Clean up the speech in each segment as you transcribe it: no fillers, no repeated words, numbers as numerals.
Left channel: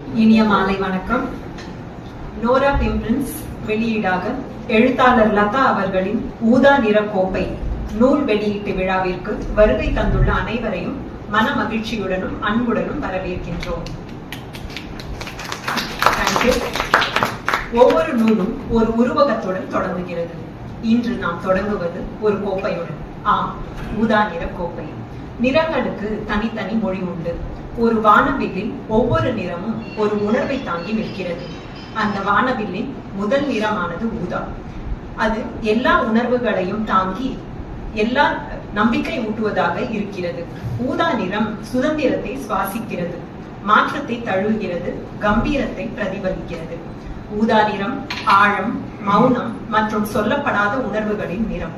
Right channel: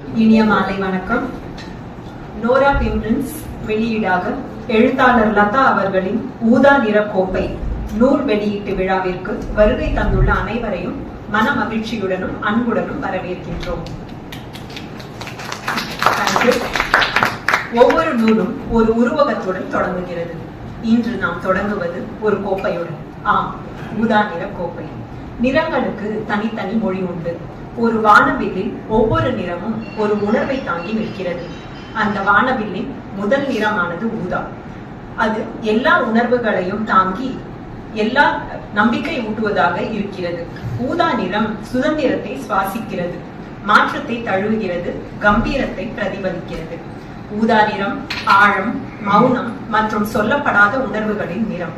இனிய மாலை வணக்கம். நோரா பிம்ப்ரின்ஸ் வெளியீடாக எழுத்தாளர் லதா அவர்களின் ஊதா நிற கோப்பை நூல் வெளியீட்டு விழாவிற்கு வருகை தந்துள்ள அனைவரையும் மன மகிழ்ச்சியுடனும் அன்புடனும் வரவேற்கின்றோம். ஒவ்வொரு நூலும் ஒரு உருவகத்துடன் தொடங்குகிறது. இன்று நாம் தொடங்குவது ஒரு கோப்பையுடன். ஆம், ஊதா நிற கோப்பை. நிறங்களுக்கு தனித்தனி மொழி உண்டு. ஒரு வானவில்லில் ஒவ்வொரு நிறமும் ஒரு உணர்வை தாங்கி நிற்கிறது. அந்த வானவில்லின் முதல் நிறமானது ஊதா. அது எல்லா உணர்வுகளையும் தாங்கி எல்லா நம்பிக்கை ஊட்டுவதாக இருக்கிறது. ஊதா நிறம் சுதந்திரத்தை சுவாசிக்கிறது, மாற்றத்தை தழுவுகிறது, கம்பீரத்தை பிரதிபலிக்கிறது. ஊதா நிறம் ஆழம், மௌனம் மற்றும் சொல்லப்படாத உணர்வுகளின் நிறம்.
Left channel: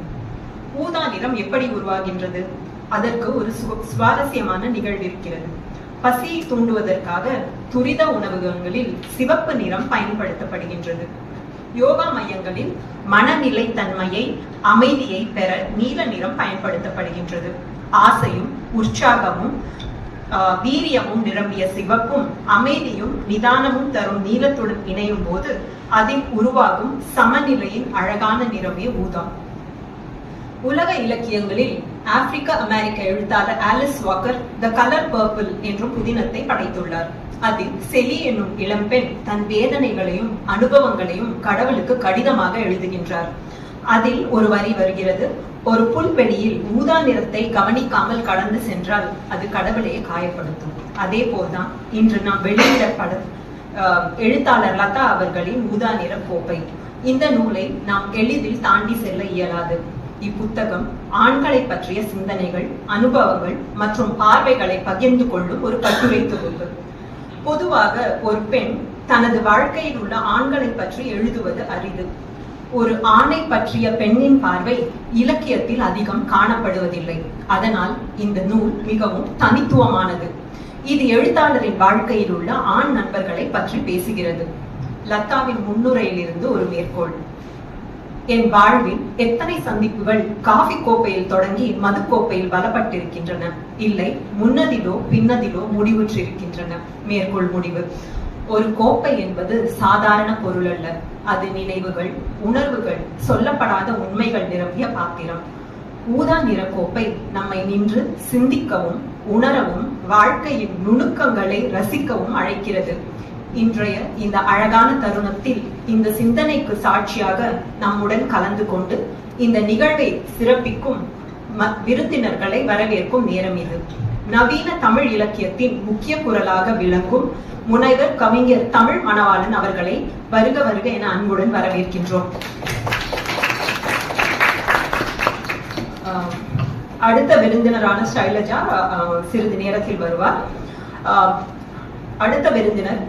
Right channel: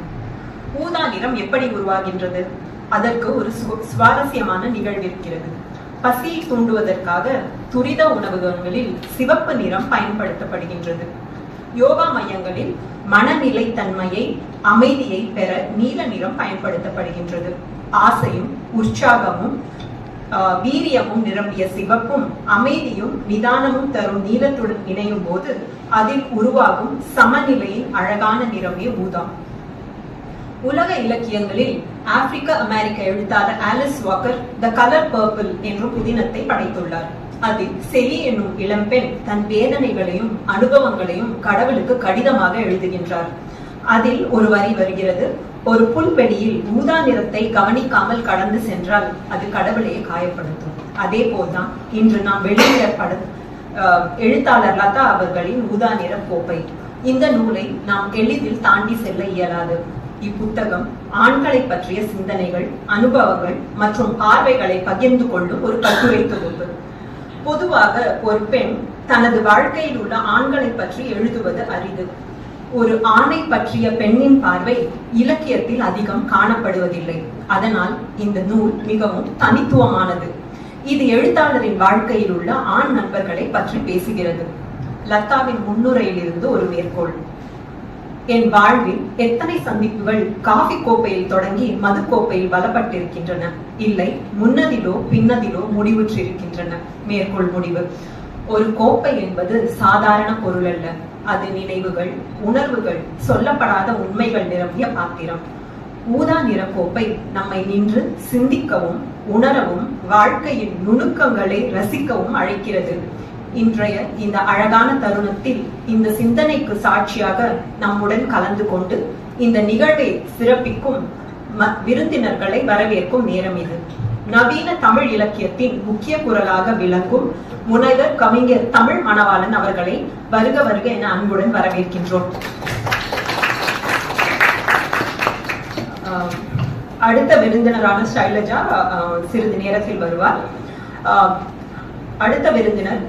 ஊதா நிறம் எப்படி உருவாகின்றது? அதற்கு ஒரு சுவாரஸ்யமான நிகழ்வு இருக்கிறது. பசியை தூண்டுவதற்காக துரித உணவகங்களில் சிவப்பு நிறம் பயன்படுத்தப்படுகின்றது. யோகா மையங்களில் மனநிலை தன்மையை, அமைதியை பெற நீல நிறம் பயன்படுத்தப்படுகின்றது. ஆசையும் உற்சாகமும் வீரியமும் நிரம்பிய சிவப்பும் அமைதியும் நிதானமும் தரும் நீலத்துடன் இணையும் போது அதில் உருவாகும் சமநிலையின் அழகான நிறமே ஊதா. உலக இலக்கியங்களில் ஆப்பிரிக்க அமெரிக்க எழுத்தாளர் Alice Walker the colour purple என்ற புதினத்தை படைத்துள்ளார். அதில் செலி என்னும் இளம்பெண் தன் வேதனைகளையும் அனுபவங்களையும் கடவுளுக்கு கடிதமாக எழுதுகின்றார். அதில் ஒரு வரி வருகிறது: ஒரு புல்வெளியில் ஊதா நிறத்தை கவனிக்காமல் கடந்து சென்றால் அது கடவுளையே காயப்படுத்தும். அதே போல்தான் இன்று நாம் வெளியிடப்படும் எழுத்தாளர் லதா அவர்களின் ஊதா நிற கோப்பை. இந்த நூலை நாம் எளிதில் தாண்டி செல்ல இயலாது. இப்புத்தகம் ஆண்களை பற்றிய சிந்தனைகள், அனுபவங்கள் மற்றும் பார்வைகளை பகிர்ந்து கொள்ளும் ஒரு கட்டுரை தொகுப்பு. பொதுவாக ஒரு பெண் தனது வாழ்க்கையில் உள்ள ஆண்களை பற்றி எழுதுவது அரிது. ஒரு ஆணை பற்றிய பெண்ணின் பார்வை இலக்கியத்தில் அதிகம் காணப்படுவதில்லை. அதனால் இந்த நூல் மிகவும் தனித்துவமானது. இது எழுத்தாளரின் வாழ்க்கையில் உள்ள ஆண் நண்பர்களை பற்றி பேசுகிறது. லதாவின் முன்னுரையில் இருந்து ஒரு மேற்கோள்: என் வாழ்வில் எத்தனை சந்திப்புகள் காஃபி கோப்பையில் தொடங்கி மது கோப்பையில் பலப்பட்டிருக்கின்றன. இல்லை, முன்னதிலோ பின்னதிலோ முடிவுற்றிருக்கின்றன. மேற்கோள் முடிவு. ஒரு கோப்பை என்பது சாதாரண பொருள் அல்ல. அது நினைவுகள், உணர்வுகள், சொல்லப்படாத உண்மைகள் நிரம்பிய பாத்திரம். ஊதா நிற கோப்பை நம்மை நின்று சிந்திக்கவும், உணரவும், வாழ்க்கையின் நுணுக்கங்களை ரசிக்கவும் அழைக்கிறது. இன்றைய இந்த அழகான தருணத்தில் இந்த சிந்தனைக்கு சாட்சியாக நம்முடன் கலந்து கொண்டு இந்த நிகழ்வை சிறப்பிக்கும் விருந்தினர்களை வரவேற்கும் நேரம் இது. நவீன தமிழ் இலக்கியத்தின் முக்கிய குரலாக விளங்கும் முனைவர் கவிஞர் தமிழ் மணவாளன் அவர்களை வருக வருக என அன்புடன் வரவேற்கின்றோம். அடுத்த விருந்தினரான ஷைலஜா சிறிது நேரத்தில் வருவார். அடுத்த விருந்தினர்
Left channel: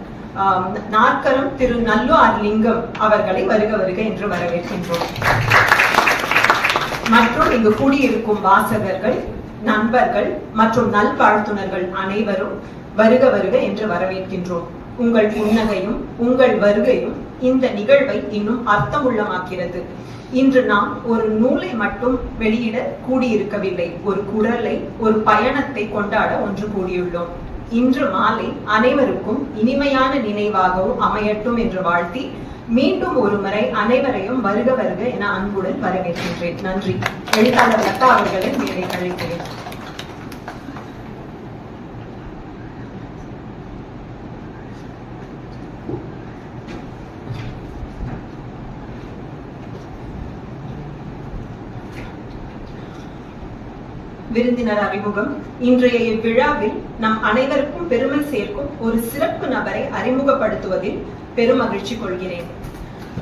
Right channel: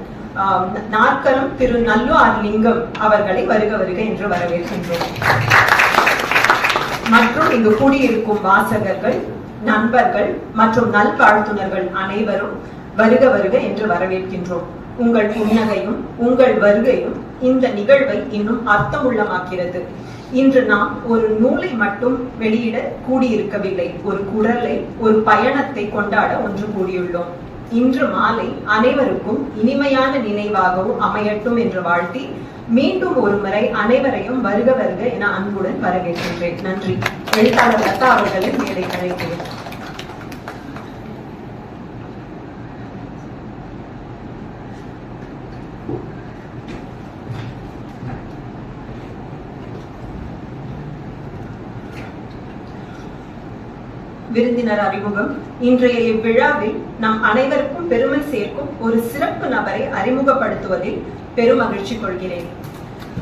நாற்கரம் திரு நல்லு லிங்கம் அவர்களை வருக வருக என்று வரவேற்கின்றோம். மற்றும் இங்கு கூடியிருக்கும் வாசகர்கள், நண்பர்கள் மற்றும் நல்வாழ்த்துனர்கள் அனைவரும் வருக வருக என்று வரவேற்கின்றோம். உங்கள் புன்னகையும் உங்கள் வருகையும் இந்த நிகழ்வை இன்னும் அர்த்தமுள்ளமாக்கிறது. இன்று நாம் ஒரு நூலை மட்டும் வெளியிட கூடியிருக்கவில்லை, ஒரு குரலை, ஒரு பயணத்தை கொண்டாட ஒன்று கூடியுள்ளோம். இன்று மாலை அனைவருக்கும் இனிமையான நினைவாகவும் அமையட்டும் என்று வாழ்த்தி மீண்டும் ஒரு முறை அனைவரையும் வருக வருக என அன்புடன் வரவேற்கின்றேன். நன்றி. எழுத்தாளர் லதா அவர்களை மேடை அழைக்கிறேன். விருந்தினர் அறிமுகம். இன்றைய இவ்விழாவில் நம் அனைவருக்கும் பெருமை சேர்க்கும் ஒரு சிறப்பு நபரை அறிமுகப்படுத்துவதில் பெருமகிழ்ச்சி கொள்கிறேன்.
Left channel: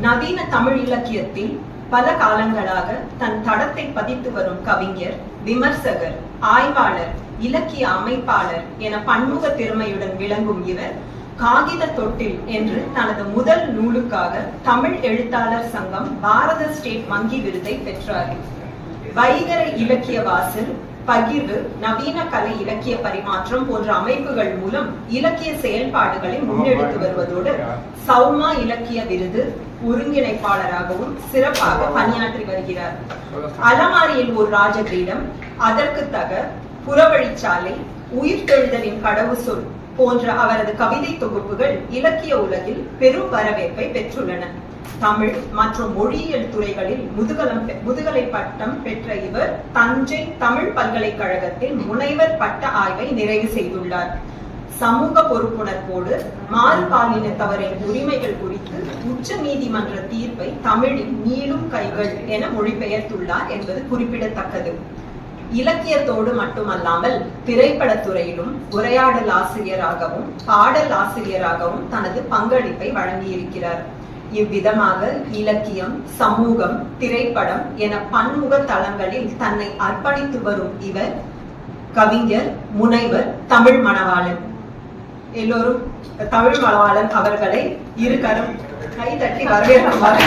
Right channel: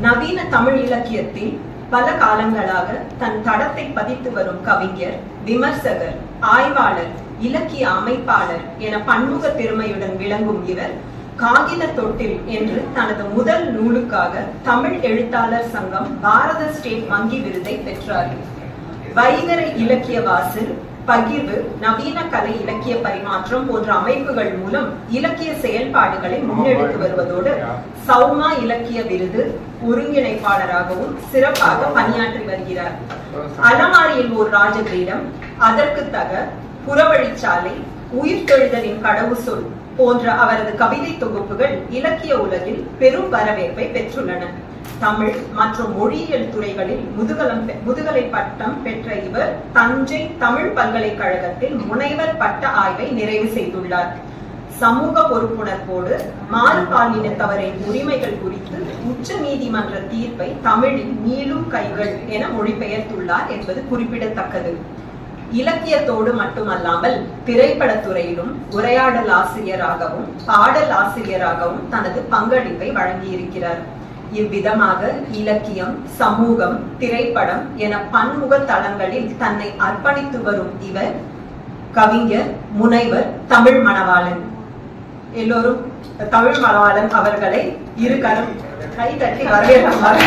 நவீன தமிழ் இலக்கியத்தில் பல காலங்களாக தன் தடத்தை பதித்து வரும் கவிஞர், விமர்சகர், ஆய்வாளர், இலக்கிய அமைப்பாளர் என பன்முக திறமையுடன் விளங்கும் இவர் காகித தொட்டில் என்று தனது முதல் நூலுக்காக தமிழ் எழுத்தாளர் சங்கம் பாரத ஸ்டேட் வங்கி விருதை பெற்றார். வைகர இலக்கிய வாசல், பகிர்வு, நவீன கலை இலக்கிய பரிமாற்றம் போன்ற அமைப்புகள் மூலம் இலக்கிய செயல்பாடுகளை முன்னெடுத்து வருவதோடு சௌமா இலக்கிய விருது ஒருங்கிணைப்பாளராகவும் சிறப்பாக பணியாற்றி வருகிறார். அலமாரியில் ஒரு ராஜகிரீடம், அதற்கு தக, புறவழிச்சாலை, உயிர்த்தெழுதலின் கடவுச்சொல் போன்ற அவரது கவிதை தொகுப்புகள் இலக்கிய உலகில் பெரும் வரவேற்பை பெற்றுள்ளன. தமிழ் மற்றும் மொழியியல் துறைகளில் முதுகலை பட்டம் பெற்ற இவர் தஞ்சை தமிழ் பல்கலைக்கழகத்தில் முனைவர் பட்ட ஆய்வை நிறைவு செய்துள்ளார். சமூக பொறுப்புணர்வோடு மாறுபாலினத்தவரின் உரிமைகள் குறித்து உச்ச நீதிமன்ற தீர்ப்பை தமிழில் நீளும் கைகள் என மொழிபெயர்த்துள்ளார் என்பது குறிப்பிடத்தக்கது. இலக்கியத்தோடு மட்டுமல்லாமல் திரைப்படத்துறையிலும் உரையாடல் ஆசிரியராகவும் பாடல் ஆசிரியராகவும் தனது பங்களிப்பை வழங்கியிருக்கிறார். இவ்விதமாக இலக்கியம், சமூகம், திரைப்படம் என பன்முக தளங்களில் தன்னை அர்ப்பணித்து வரும் இவர் கவிஞர், முனைவர், தமிழ் மணவாளன். எல்லோரும் தமிழ் மணவாளன் அவர்களை இருகரம் கை தட்டி வரவேற்குமாறு.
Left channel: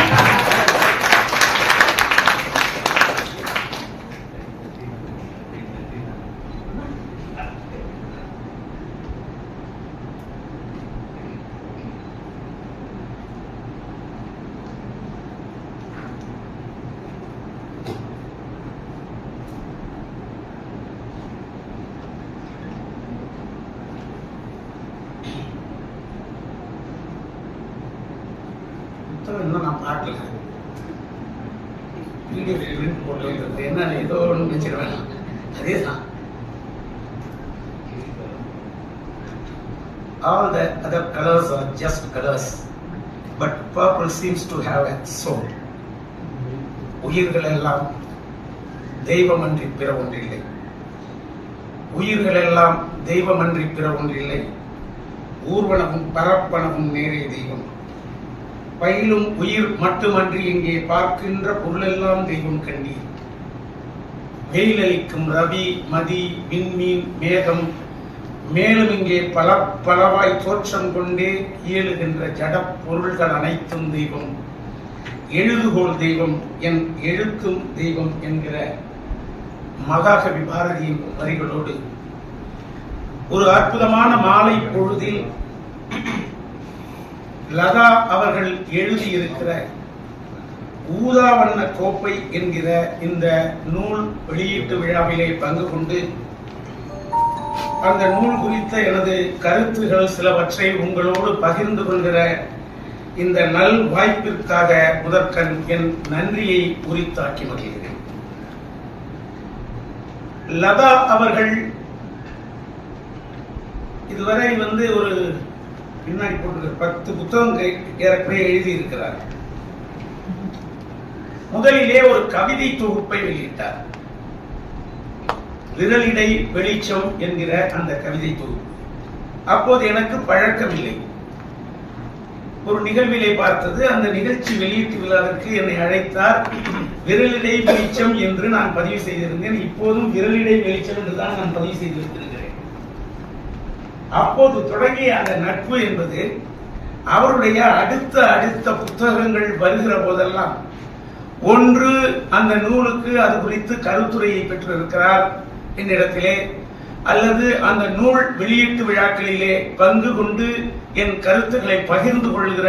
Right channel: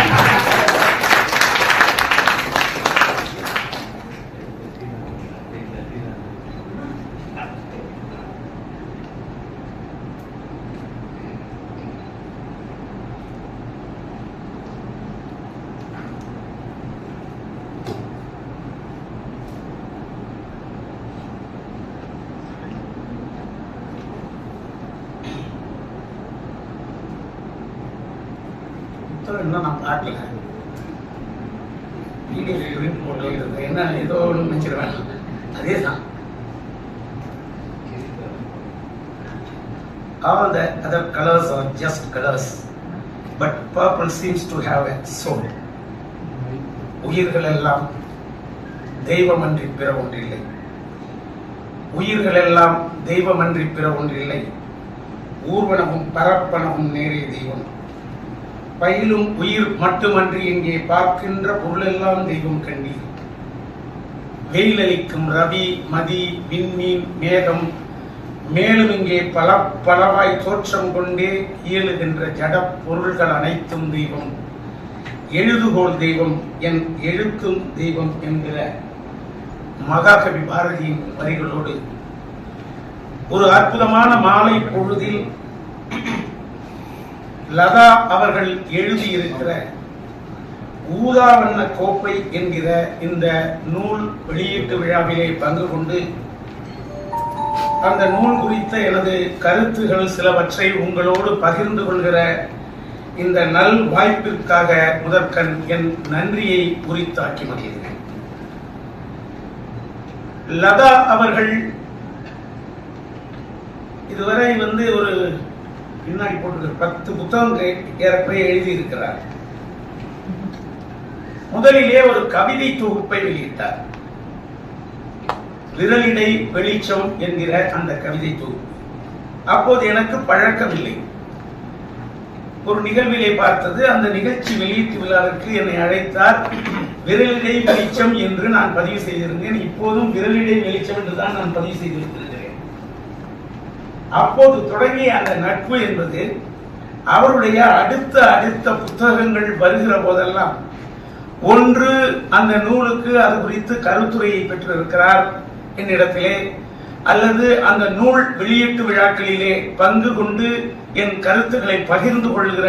இன்னும் நான் பார்க்கல. என்ன ஏதோ ஒன்று நினைச்சிருவேன். அதேதான். All the other colors are just colors, but purple seems to have a soul. உயிர்கள் எல்லாம் தெய்வமன்றி பிற ஒன்றில்லை. உயிர்கள் எல்லாம் தெய்வமன்றி பிற ஒன்றில்லை. ஊர்வனவும் பரப்பனவும் நேரே தெய்வம். பயிலும் உயிர் மட்டுமன்றி எங்கே பார்க்கின்ற பொருளெல்லாம் தெய்வம் கண்டீர். வெயிலளிக்கும் ரவி, மதி, விண்மீன், மேகம், மேலும் இங்கே பல பலவாய் தோற்றம் கொண்டே இயலுகின்ற ஜட பொருள்கள் அனைத்தும் தெய்வம். எழுதுகோள் தெய்வம், என் எழுத்தும் தெய்வம் என்கிற மகாகவி பாரதியின் வரிகளோடு ஒரு அற்புதமான மாலை பொழுதில் லதா அவர்கள் எழுதியிருக்கிற ஊதா வண்ண கோப்பை என்கிற இந்த நூல் வெளியீட்டு விழாவிலே பங்கு கொண்டு அந்த நூல் குறித்த எனது கருத்துகள் சிலவற்றை உங்களோடு பகிர்ந்து கொள்கிற இந்த நல் வாய்ப்பிற்காக முதற்கண் என் நன்றியை உரித்தாக்கி மகிழ்கிறேன். லதா அவர்கள் இதுவரை ஒரு பின்னாடி போட்டு 10 புத்தகங்கள் ஏறக்குறைய எழுதியிருக்கிறார். முதலிலே ஒரு கவிதை தொகுப்பை வெளியிட்டார். விரலிடை வெளிச்சம் என்கிற அந்த கவிதை தொகுப்பு. அப்போது எனக்கு பழக்கமில்லை. ஒரு நிகழ்விலே பார்த்தது. அந்த நிகழ்ச்சி வெளியீட்டு விழாவிற்கு என்னை அழைத்தார். விரலிடை வெளிச்சம் என்று நான் பதிவு செய்திருந்தேன். இப்போதும் விரலிடை வெளிச்சம் என்றுதான் நான் பதிவு செய்திருக்கிறேன். அப்போது தொடங்கிய அந்த நட்பு என்பது அவருடைய அடுத்த புத்தகங்கள் வருகிற போதெல்லாம் ஒன்று அந்த நூலுக்கு அது குறித்து கருத்துரையை பெற்றிருக்கிறார் என்னிடத்திலே, அல்லது அந்த நூல் வெளியீட்டு விழாக்களிலே பங்கு கொண்டு என் கருத்துக்களை பகிர்ந்து கொள்கிற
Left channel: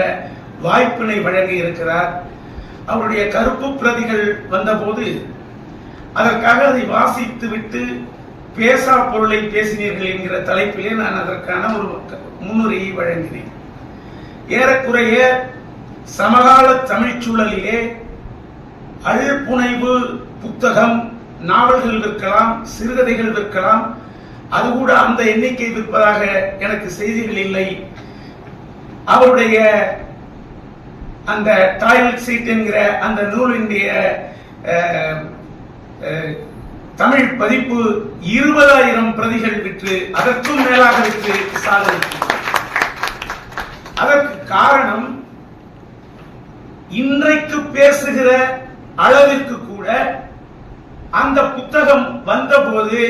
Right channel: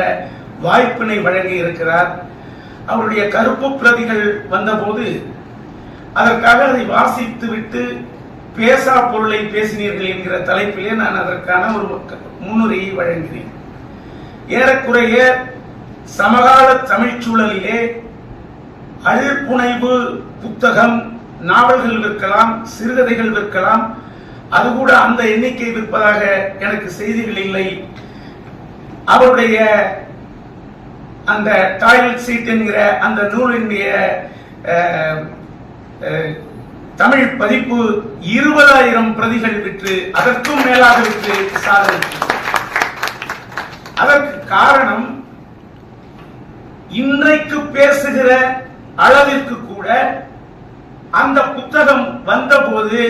வாய்ப்பினை வழங்கி இருக்கிறார். அவருடைய கருப்பு பிரதிகள் வந்தபோது அதற்காக அதை வாசித்து விட்டு பேசா பொருளை பேசினீர்கள் என்கிற தலைப்பிலே நான் அதற்கான ஒரு முன்னுரையை வழங்கினேன். ஏறக்குறைய சமகால தமிழ் சூழலிலே அழ்புனைவு புத்தகம், நாவல்கள் விற்கலாம், சிறுகதைகள் விற்கலாம். அது கூட அந்த எண்ணிக்கை விற்பதாக எனக்கு செய்திகள் இல்லை. அவருடைய அந்த டாய்லெட் சீட் என்கிற அந்த நூலினுடைய தமிழ் பதிப்பு 20,000 பிரதிகள் விற்று அதற்கும் மேலாக விற்று சாதனை. அதற்கு காரணம் இன்றைக்கு பேசுகிற அளவிற்கு கூட அந்த புத்தகம் வந்தபோது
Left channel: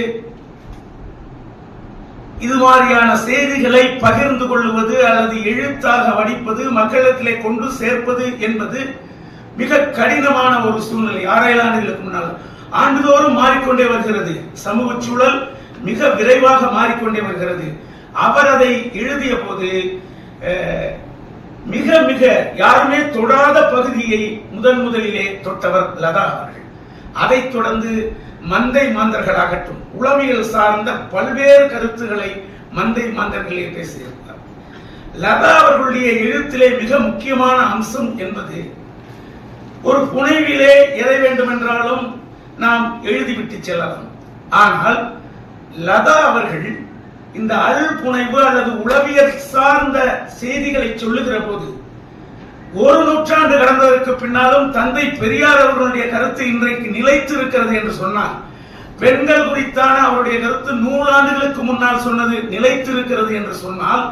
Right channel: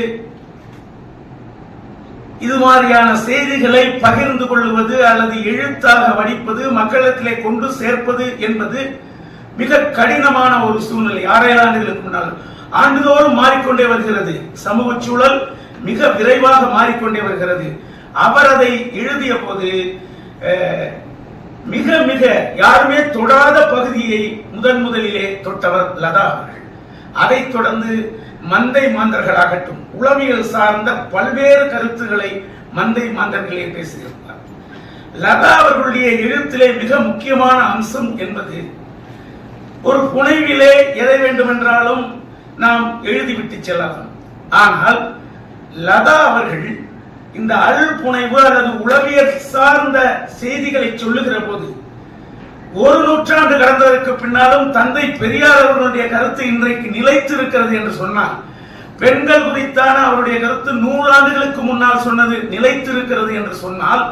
இது மாதிரியான செய்திகளை பகிர்ந்து கொள்வது அல்லது எழுத்தாக வடிப்பது, மக்களிடத்திலே கொண்டு சேர்ப்பது என்பது மிக கடினமான ஒரு சூழ்நிலை. 6 ஆண்டுகளுக்கு முன்னால். ஆண்டுதோறும் மாறிக்கொண்டே வருகிறது. சமூக சூழல் மிக விரைவாக மாறிக்கொண்டே வருகிறது. அவர் அதை எழுதிய போது மிக மிக யாருமே தொடாத பகுதியை முதலிலே தொட்டவர் லதா அவர்கள். அதைத் தொடர்ந்து மந்தை மாந்தர்களாகட்டும், உளவியல் சார்ந்த பல்வேறு கருத்துக்களை மந்தை மாந்தர்களே பேசியிருந்தார். லதா அவர்களுடைய எழுத்திலே மிக முக்கியமான அம்சம் என்பது, ஒரு புனைவிலே எதை வேண்டுமென்றாலும் நாம் எழுதிவிட்டு செல்லலாம். ஆனால் லதா அவர்கள் இந்த புனைவு அல்லது உளவியல் சார்ந்த செய்திகளை சொல்லுகிற போது, ஒரு நூற்றாண்டு கடந்ததற்கு பின்னாலும் தந்தை பெரியார் அவர்களுடைய கருத்து இன்றைக்கு நிலைத்து இருக்கிறது என்று சொன்னால், பெண்கள் குறித்தான அவருடைய கருத்து 100 ஆண்டுகளுக்கு முன்னால் சொன்னது நிலைத்து இருக்கிறது என்று சொன்னால்,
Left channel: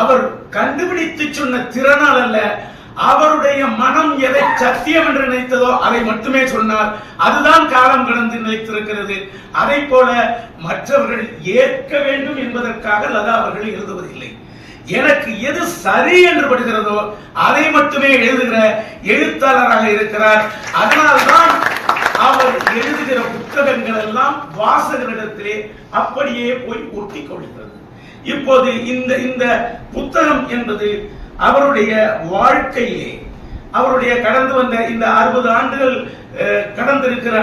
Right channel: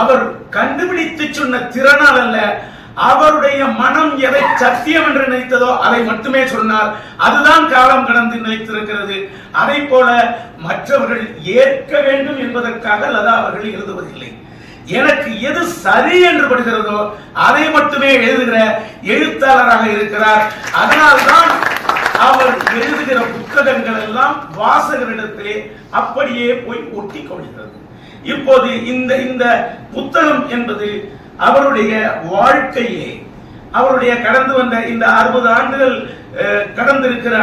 அவர் கண்டுபிடித்து சொன்ன திறனால் அல்ல, அவருடைய மனம் எதை சத்தியம் என்று நினைத்ததோ அதை மட்டுமே சொன்னார். அதுதான் காலம் கடந்து நிலைத்திருக்கிறது. அதை போல மற்றவர்கள் ஏற்க வேண்டும் என்பதற்காக லதா அவர்கள் எழுதுவதில்லை. எனக்கு எது சரி என்று படுகிறதோ அதை மட்டுமே எழுதுகிற எழுத்தாளராக இருக்கிறார். அதனால்தான் அவர் எழுதுகிற புத்தகங்கள் எல்லாம் வாசகரிடத்திலே அப்படியே போய் ஒட்டி கொள்கிறது. இப்போது இந்த புத்தகம் என்பது அவருடைய வாழ்க்கையிலே, அவருடைய கடந்து வந்த இந்த 60 ஆண்டுகள் கடந்திருக்கிற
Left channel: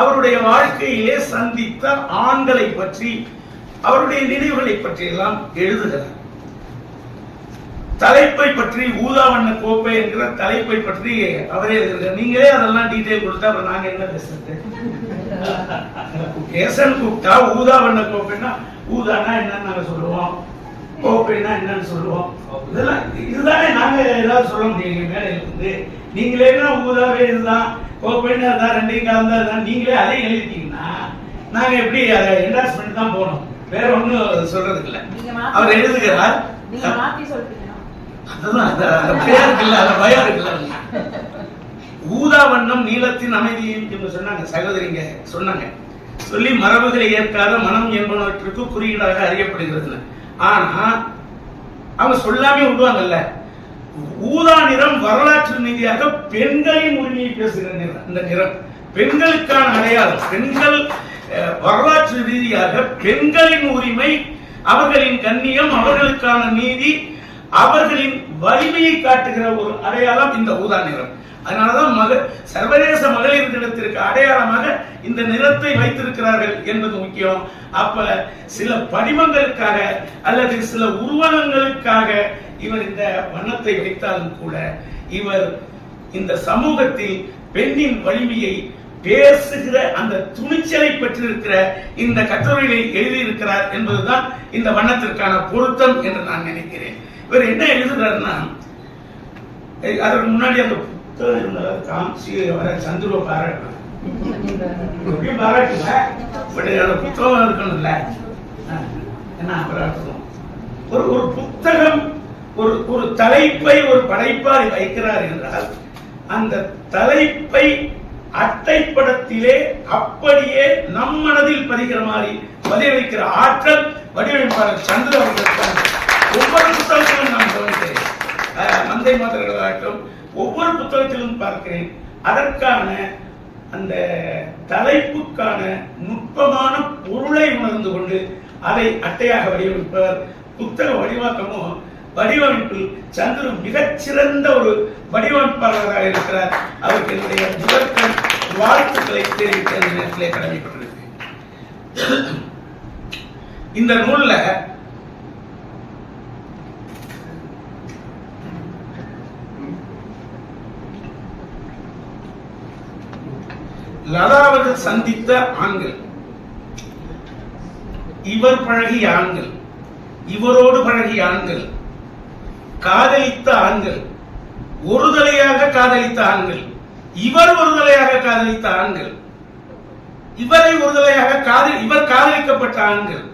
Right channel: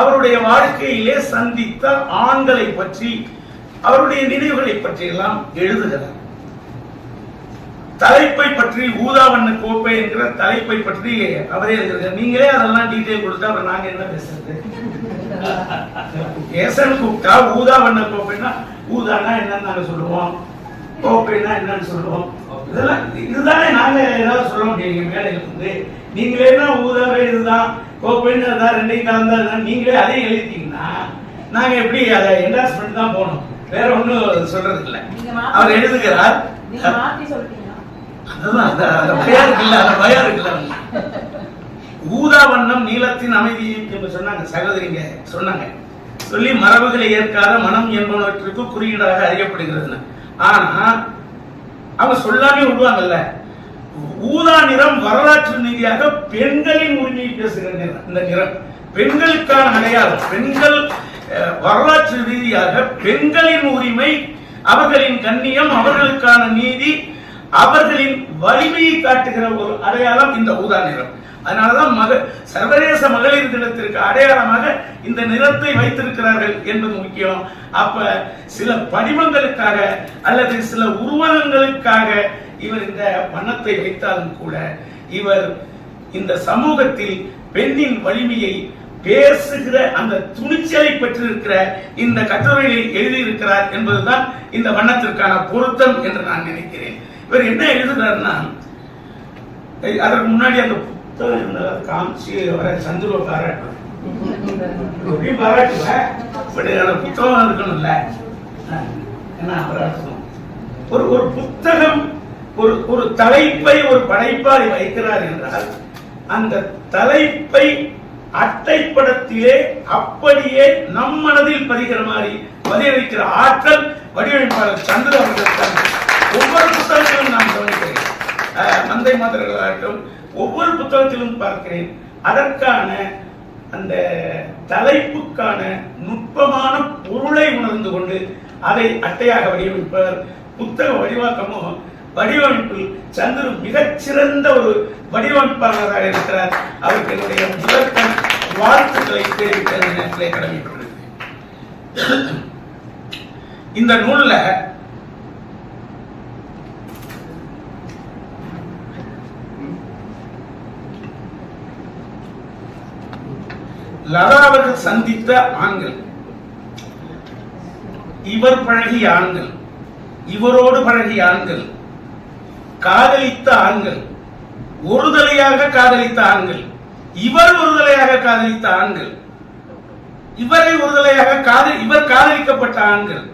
அவருடைய வாழ்க்கையிலே சந்தித்த ஆண்களை பற்றி, அவருடைய நினைவுகளை பற்றி எல்லாம் எழுதுகிறார். தலைப்பை பற்றி, ஊதா வண்ண கோப்பை என்கிற தலைப்பை பற்றி அவரே எழுதுகிறார். நீங்களே அதெல்லாம் டீடைல் கொடுத்தா அப்புறம் நாங்க என்ன பேசுறது? கேசன் கூப்பிட்டா ஊதா வண்ண கோப்பைன்னா ஊதானா என்னன்னு நாங்க சொல்லுவோம், கோப்பைனா என்னன்னு சொல்லுவோம். இதெல்லாம் இதுதானே நாங்க ஏதாவது சொல்ல முடியும் மேடையில இருந்து. நீங்களே ஊதாவே இதுதான், கோப்பைன்னு அதான், ரெண்டையும் கலந்தா இதுதான், நீங்களே அதே எழுதிட்டீங்கன்னா நாங்க எப்படி அதை என்டார்ஸ் பண்ணி தான் போனோம். வேற ஒண்ணும் சொல்றதுக்கு இல்ல. அவர் எழுதுகிறார். பயம் இருக்குல்ல. ஊதா வண்ணம் நீளத்தின் அமைதியை என்று சொன்னாங்க சகோதரிங்க, சொன்னாங்க. சொல்லி மரபுகளை ஏற்காத மனம் என்பனவற்றுக்கு குறியீடாக அறியப்படுகிறது. ஆனா அவங்க சொல்லாமே விடுவாங்கல்ல. ஊதா நிறம் வரலாற்று ரீதியாக பெண்களின் உரிமையை பேசுகிற நிறம். இந்த நிறம் பெண்களுக்கான அடையாளம். பெண்கள் வரலாற்று ரீதியாக பெண்களின் உரிமை, அவர்களின் கண்ணியம், அவர்களுக்கான நீதி, அவர்களின் வலிமையை காட்டுகிற ஒரு அடையாளம் இந்த ஊதா நிறம். அதனாலதான் சர்வதேச மகளிர் தினத்திற்கு அடையாளமாக இந்த நிறத்தை வைத்திருக்கிறார்கள் என்பது முக்கியம். அப்ப சில படிமங்களுக்காக அல்லது சில உருவகங்களுக்காக இவர் இந்த வண்ணத்தை வைத்தாலும் கூட, இவர் இந்த சமூகத்தில் பெண்ணின் வலிமையை பேசுகிற அந்த துணிச்சலை பெற்றிருக்கிற இந்த கட்டுரையை எழுதியிருக்கிறார் என்பதுதான் இந்த வண்ணத்திற்கான பொருத்தம் என்று நான் நினைக்கிறேன். இவர் என்ன எழுதுகிறார்னா, அதற்கு முன்னாடி அந்த புத்தகம் இருந்ததை காமிச்சு வர சந்துருவ பாராட்டணும். பாராட்டுல பட் அந்த புத்தகம் இருக்கணும்ல, என்ன பாராட்டணும். ஒரு புத்தகம் ஒரு தலைப்பை ஒரு படைப்பாளி வைக்கிறார் என்றால், அந்த தலைப்பை அட்டைப்படத்திலே அப்படியே நம் மனதில் பதிகிற மாதிரி பதிய வைக்கிற ஆற்றல் வடிவமைப்பாளர் சந்திர அவர்களுக்கு ஒவ்வொரு புத்தகத்திலும் நான் கவனிக்கிறேன். மந்தை மாதர்களாகட்டும் ஒவ்வொரு புத்தகத்திலும் பார்க்கிறேன். அதற்கான அந்த தலைப்புக்கான நுட்பமான பொருளை உணர்ந்து கொண்டு அதை அட்டையாக வடிவமைப்பவர். புத்தக வடிவாக்கமும் வடிவமைப்பில் சந்துரு மிகச்சிறந்த ஒரு வடிவமைப்பாளராக இருக்கிறார். அவருக்கு என்னுடைய முதற்கண் வாழ்த்துக்களை தெரிவிக்க நேரத்திலே கடமைப்பட்டிருக்கிறேன். இந்த நூல்ல லதா அவர்கள் சந்தித்த ஆண்கள், இவர் பழகிய ஆண்கள், இவரோடு பழகிய ஆண்கள், காதலித்த ஆண்கள், ஒருதலையாக காதலித்த ஆண்கள், இவர் ஒருதலையாக காதலித்த ஆண்கள், இவரை ஒருதலையாக இவர் காதலிக்கப்பட்ட ஆண்கள்,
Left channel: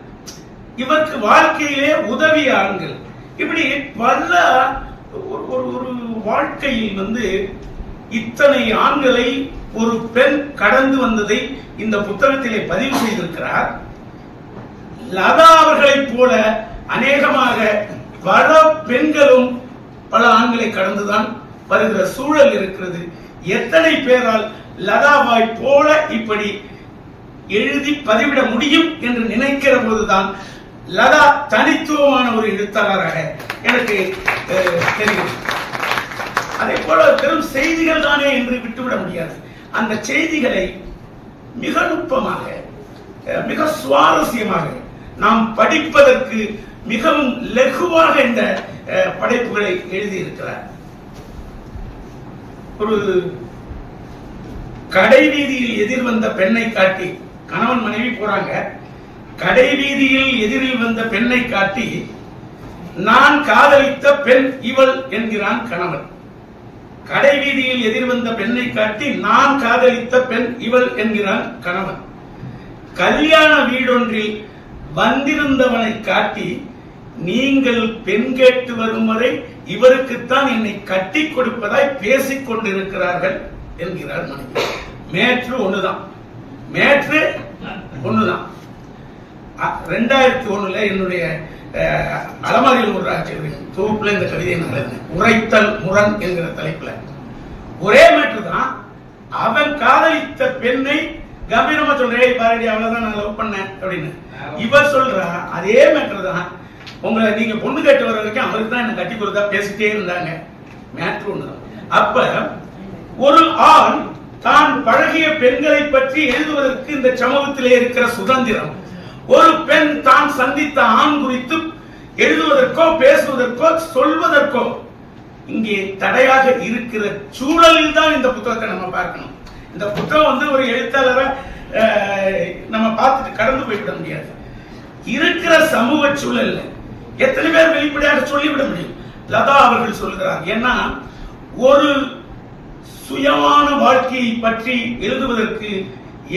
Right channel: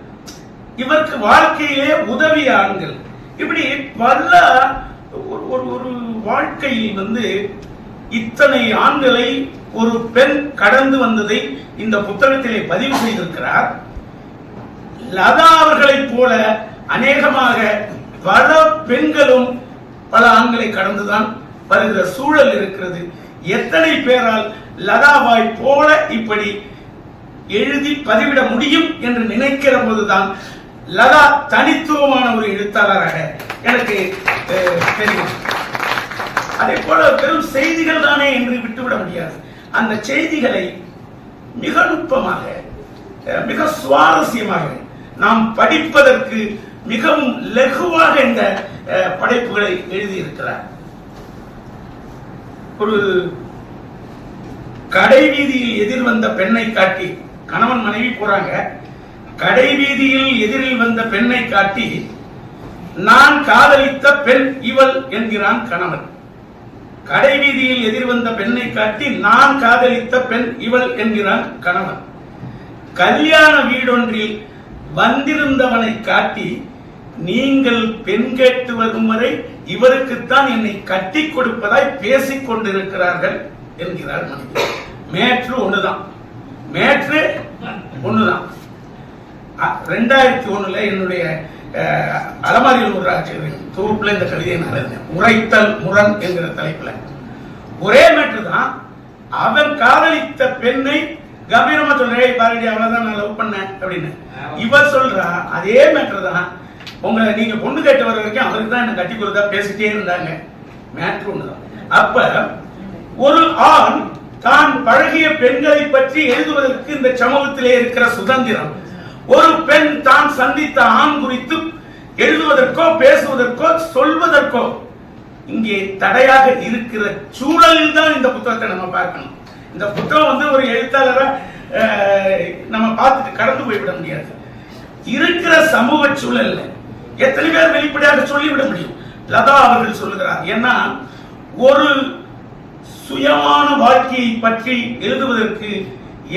இவருக்கு வாழ்க்கையிலே உதவிய ஆண்கள், இப்படி பல ஒரு வாழ்க்கையில் இத்தனை ஆண்களை ஒரு பெண் கடந்து வந்ததை இந்த புத்தகத்திலே பதிவு செய்திருக்கிறார். லதா அவர்களைப் போல அநேகமாக பல பெண்களும் பல ஆண்களை கடந்துதான் வருகிற சூழல் இருக்கிறது. எத்தனை பேரால் லதாவாய் போல இப்படி எழுதி பதிவிட முடியும் என்று நினைக்கிற போதுதான் லதா தனித்துவமான ஒரு எழுத்தாளராக எனக்கு தெரியும். அதே போல பெரும் செய்திகள் தானே என்று விட்டுவிட முடியாது. அந்த செய்திகளை மிக நுட்பமாக, மிக சுவாரஸ்யமாக, நாம் படிப்பதற்கு மிகவும் லகுவாக இந்த படைப்புகளை எழுதியிருக்கிறார். ஒரு கடை வீதியில் எதிர் வந்த பெண்ணை காட்டி, கணவன் மனைவி போறாங்க, கடை வீதியில் எதிரில் வந்த பெண்ணை காட்டி நான் காதலித்த பெண் இவள் என்கிறான் கணவன். கடை வீதியில் எதிர் வந்த பெண்ணை காட்டி நான் காதலித்த பெண் இவள் என்கிறான் கணவன். கல்யாண வீடொன்றில் வந்திருந்தவனை காட்டி நீங்கள் பெண் கேட்டு வரும் வரை இவருக்குத்தான் என்னை கட்டி கொடுப்பதாய் பேசிக் கொண்டிருக்கிறார்கள் என்கிறார் மனைவி. மேற்று ஒண்ணுதான், மேற்று ஒண்ணுதான். 2001 என்னுடைய அலமாரியில் ஒரு தொகுப்புல இந்த கவிதையை நான் எழுதினேன். உரைத்தல் முரண் என்கிற தலைப்புல ஒரே மேற்று தான். அவன் காதலித்த பெண்ணை கம்பீரமா சொல்றேன், பாரதி அவ்வளவுதான் நான் லவ் பண்ணேன் அப்படின்னு. இவர் சொல்றா அதே மேட்ரு தான். உங்களை நீங்க பொண்ணு கேட்டு வர வரைக்கும் அவருக்கு தான் என்ன கட்டி கொடுத்தா பேசிட்டே இருந்தாங்க. மேட்ரு ஒண்ணுதான். அப்ப ஒரு ஆண் தான் பழகிய பெண்களை பற்றி எழுதுவதற்கு இந்த சமூகத்திலே இருக்கிற சுதந்திரம், ஒரு பெண் தான் சந்தித்த ஆண் குறித்து எழுதுவதற்கோ பேசுவதற்கோ சொல்வதற்கோ இங்கே தடையாக இருக்கிற சூழலில் தான் இந்த புத்தகத்தை நம்ம பார்க்கணும். இந்த புத்தகம் ஒரு எழுத்தாளரை நம்ம பார்த்துட்டு கடந்து போய்விட முடியாது. இருக்கிற சமூக சூழல்ல எத்தனை பேர் வெளிப்படையாக சொல்லிவிட முடியும்? லதா அவர்கள் சொல்லுகிறார். ஏன்னா ஒரு சுயமான வாழ்க்கையை பற்றி எழுதுவதற்கு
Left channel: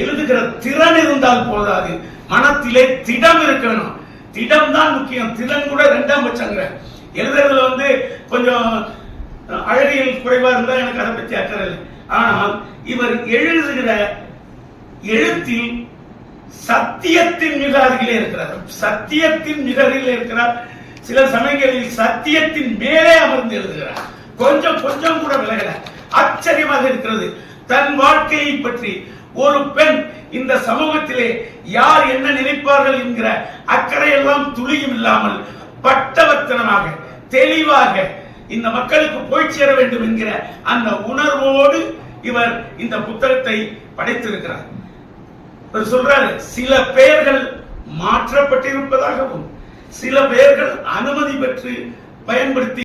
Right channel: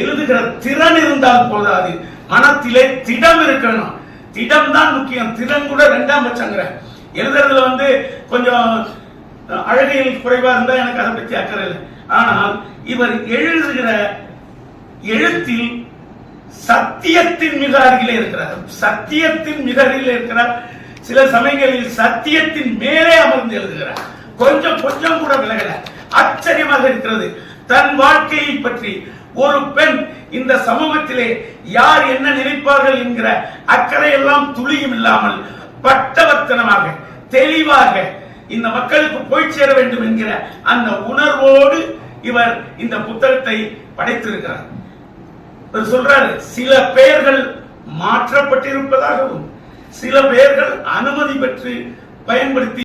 எழுதுகிற திறன் இருந்தால் போதாது, மனத்திலே திடம் இருக்கணும். திடம் தான் முக்கியம். திறன் கூட 2ஆம் பட்சங்கிற. எழுதுறதுல கொஞ்சம் அழகியல் குறைவா இருந்தா எனக்கு அதை பற்றி அக்கறை இல்லை. ஆனால் இவர் எழுதுகிற எழுத்தில் சத்தியத்தின் மிக அருகிலே இருக்கிறார். சத்தியத்தின் மிக அருகிலே இருக்கிறார். சில சமயங்களில் சத்தியத்தின் மேலே அமர்ந்து எழுதுகிறார். கொஞ்சம் கொஞ்சம் கூட விலகல. ஆச்சரியமாக இருக்கிறது. தன் வாழ்க்கையை பற்றி ஒரு பெண் இந்த சமூகத்திலே யார் என்ன நினைப்பார்கள் என்கிற அக்கறையெல்லாம் துளியும் இல்லாமல் பட்டவர்த்தனமாக தெளிவாக இந்த மக்களுக்கு போய் சேர வேண்டும் என்கிற அந்த உணர்வோடு இவர் இந்த புத்தகத்தை படைத்திருக்கிறார். இவர் சொல்றாரு, சில பெயர்கள் மாற்றப்பட்டிருப்பதாகவும் சில பெயர்கள் அனுமதி பெற்று பயன்படுத்தி